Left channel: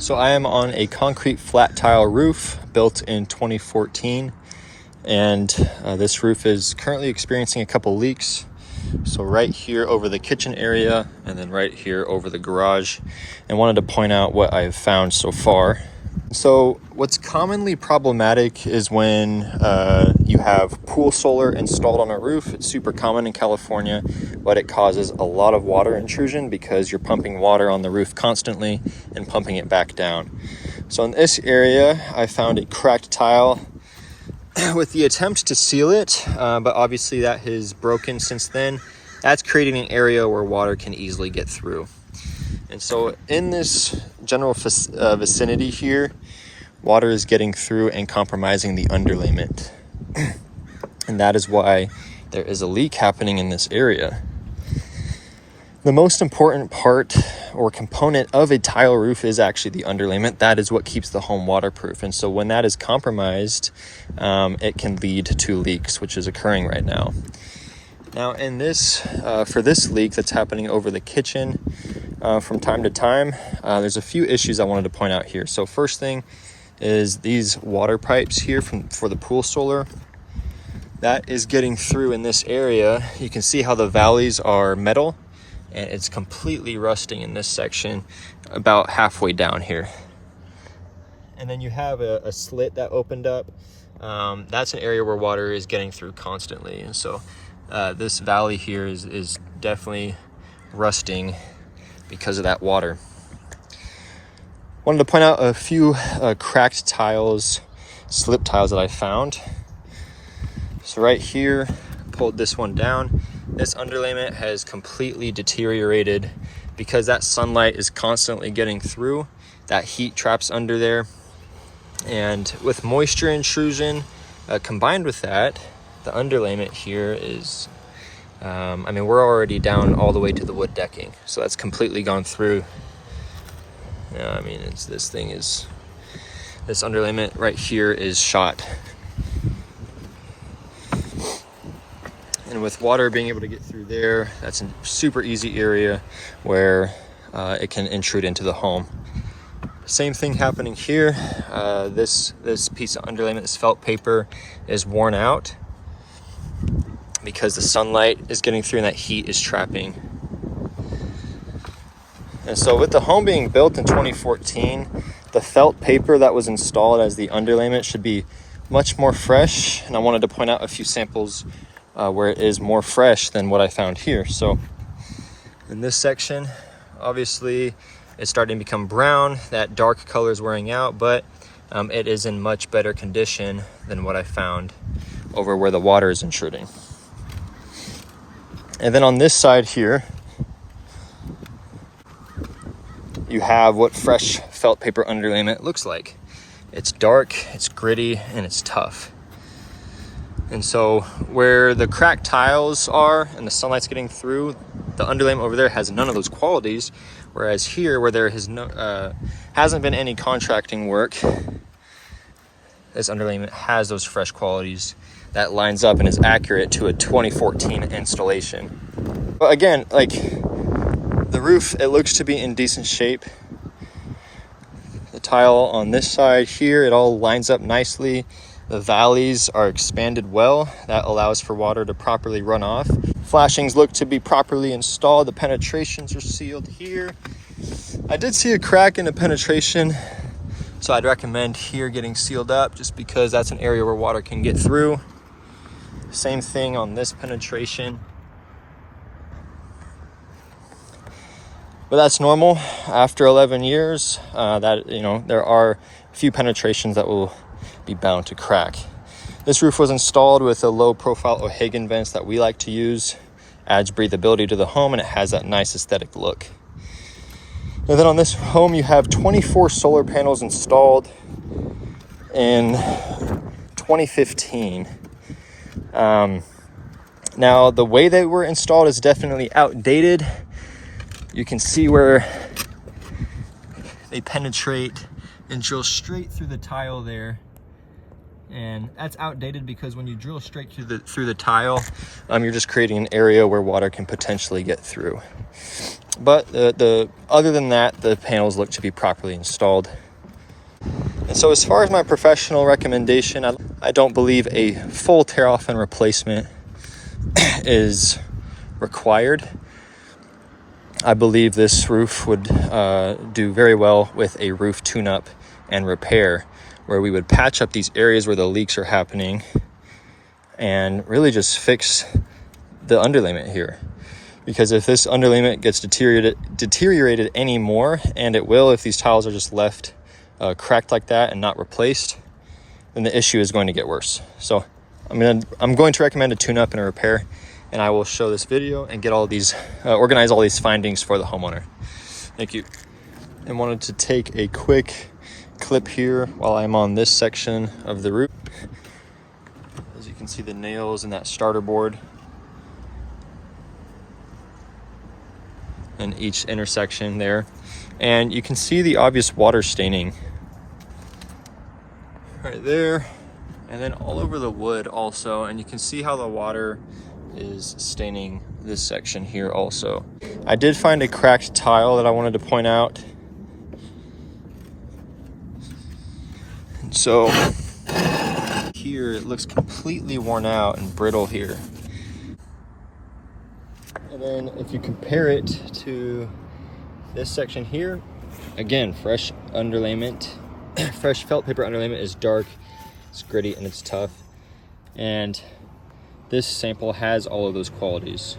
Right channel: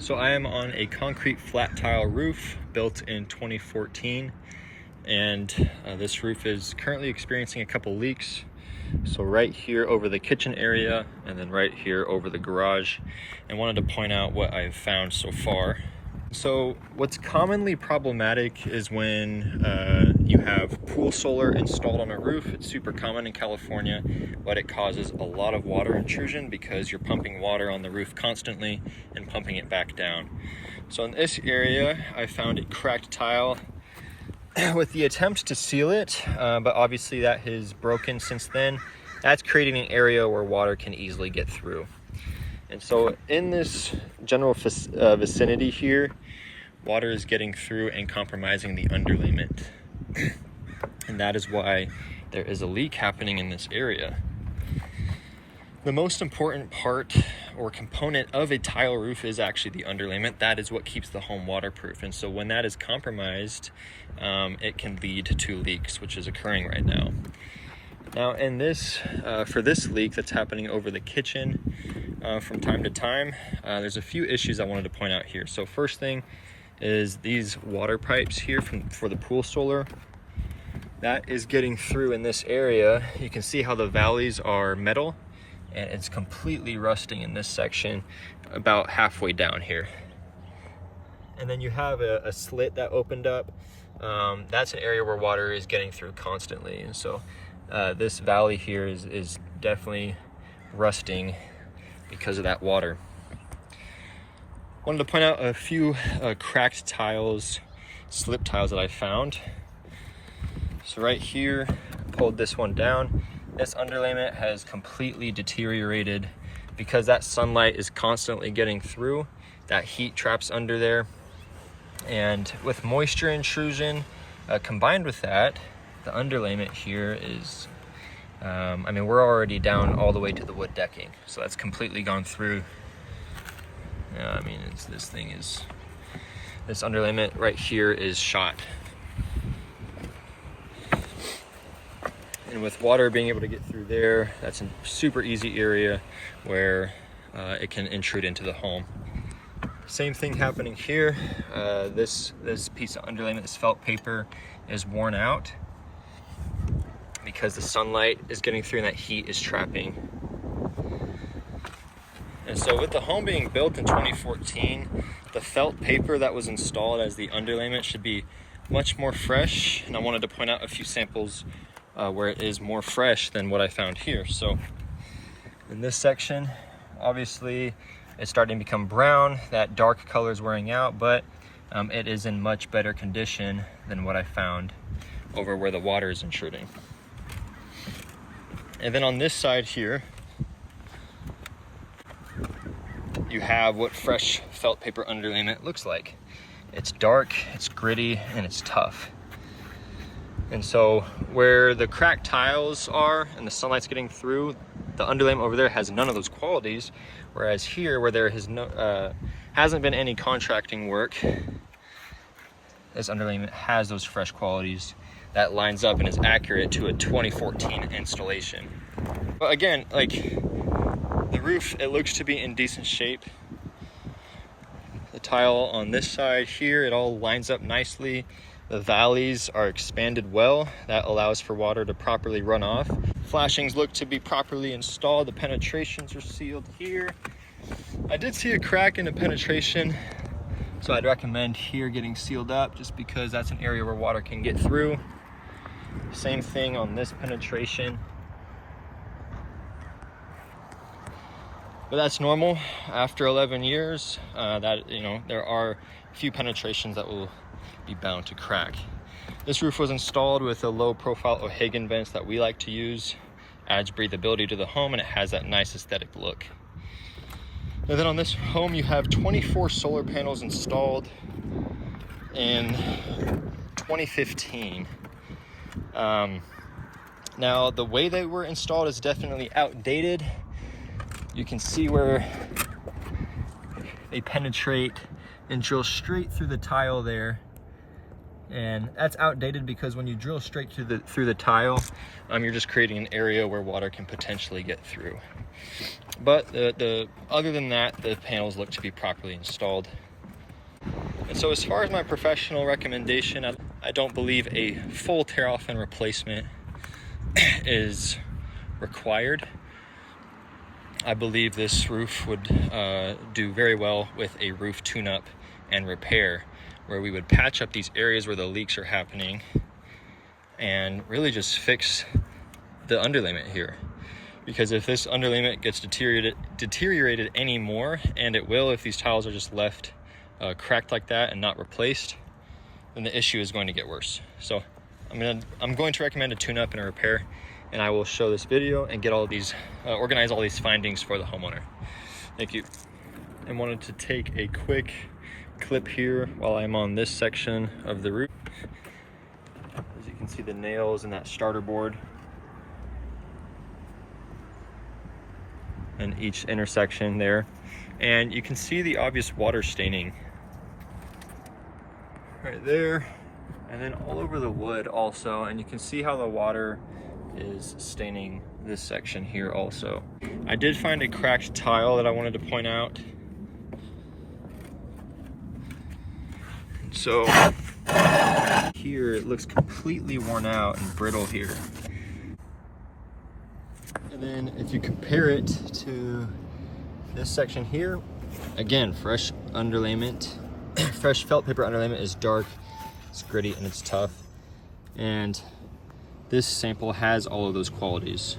So I am on a concrete flat tile roof built in 2014, and this roof is currently experiencing a couple leaks. So right here over the kitchen area and then right here over the garage, and wanted to point out what I've found so far. So what's commonly problematic is when you have pool solar installed on a roof. It's super common in California, but it causes a lot of water intrusion because you're pumping water on the roof constantly and pumping it back down. So in this area, I found a cracked tile with the attempt to seal it, but obviously that has broken since then. That's creating an area where water can easily get through. And so in this general vicinity here, water is getting through and compromising the underlayment. And that is why there is a leak happening in this area. The most important part or component of a tile roof is actually the underlayment. That is what keeps the home waterproof. And so when that is compromised, it can lead to leaks, which is occurring right now. Now in this, for this leak that's happening over the kitchen, from time to time, there's a few issues I wanted to point out here. So first thing is these water pipes here for the pool solar. That is getting through in this area. You can see how the valleys are metal, and it's completely rusting in this section about halfway down here. And then you have a slit that opened up. That's an area where water is getting through constantly. And so this valley here is definitely rusting because of that water. Wanted to point out a few cracked tiles, slip tiles that I found. So right here, pulled this one down. This underlayment has completely deteriorated because that sunlight is constantly getting through. That heat traps under there. And with moisture intrusion combined with that, the underlayment here is, we're already down all the way to the wood decking. So that's completely gone through. This underlayment right here is shot. And with water being able to get through there, that's a super easy area where it can intrude into the home. Same thing happening here. This piece of underlayment, this felt paper, is worn out because the sunlight is getting through and that heat is trapping. And so with the home being built in 2014, the felt paper that was installed as the underlayment should be much more fresh. And I wanted to point out a few samples where it is more fresh than what I found here. So in this section, obviously it's starting to become brown. That dark color is wearing out, but it is in much better condition than what I found over where the water is intruding. And then on this side here, you have what fresh felt paper underlayment looks like. It's dark, it's gritty, and it's tough. And so where the cracked tiles are and the sunlight's getting through, the underlayment over there has none of those qualities. Whereas here, where there hasn't been any contracting work, this underlayment has those fresh qualities that lines up and is accurate to a 2014 installation. But again, like the roof, it looks to be in decent shape. The tile on this side here, it all lines up nicely. The valleys are expanded well. That allows for water to properly run off. Flashings look to be properly installed. The penetrations are sealed here. I did see a crack in the penetration, so I'd recommend here getting sealed up just because that's an area where water can get through. Same thing on this penetration. But that's normal after 11 years. There are a few penetrations that will be bound to crack. This roof was installed with a low profile O'Hagan vents that we like to use. Adds breathability to the home and it has that nice aesthetic look. And then on this home, you have 24 solar panels installed in 2015. Now, the way they were installed is definitely outdated. You can see where they penetrate and drill straight through the tile there. And that's outdated because when you drill straight through the tile, you're just creating an area where water can potentially get through. But other than that, the panels look to be properly installed. And so as far as my professional recommendation, I don't believe a full tear off and replacement is required. I believe this roof would do very well with a roof tune-up and repair, where we would patch up these areas where the leaks are happening and really just fix the underlayment here. Because if this underlayment gets deteriorated anymore, and it will if these tiles are just left cracked like that and not replaced, then the issue is going to get worse. So I'm going to recommend a tune-up and a repair, and I will show this video and get all these, organize all these findings for the homeowner. Thank you. And wanted to take a quick clip here while I'm on this section of the roof. As you can see, the nails in that starter board and each intersection there. And you can see the obvious water staining right there, and then all over the wood also. And you can see how the water is staining this section here also. I did find a cracked tile that I wanted to point out. So here it looks completely worn out and brittle here. And then if you compare it to this section here, again, fresh underlayment, fresh felt paper underlayment is dark, it's gritty, and it's tough. And this sample has all of those qualities.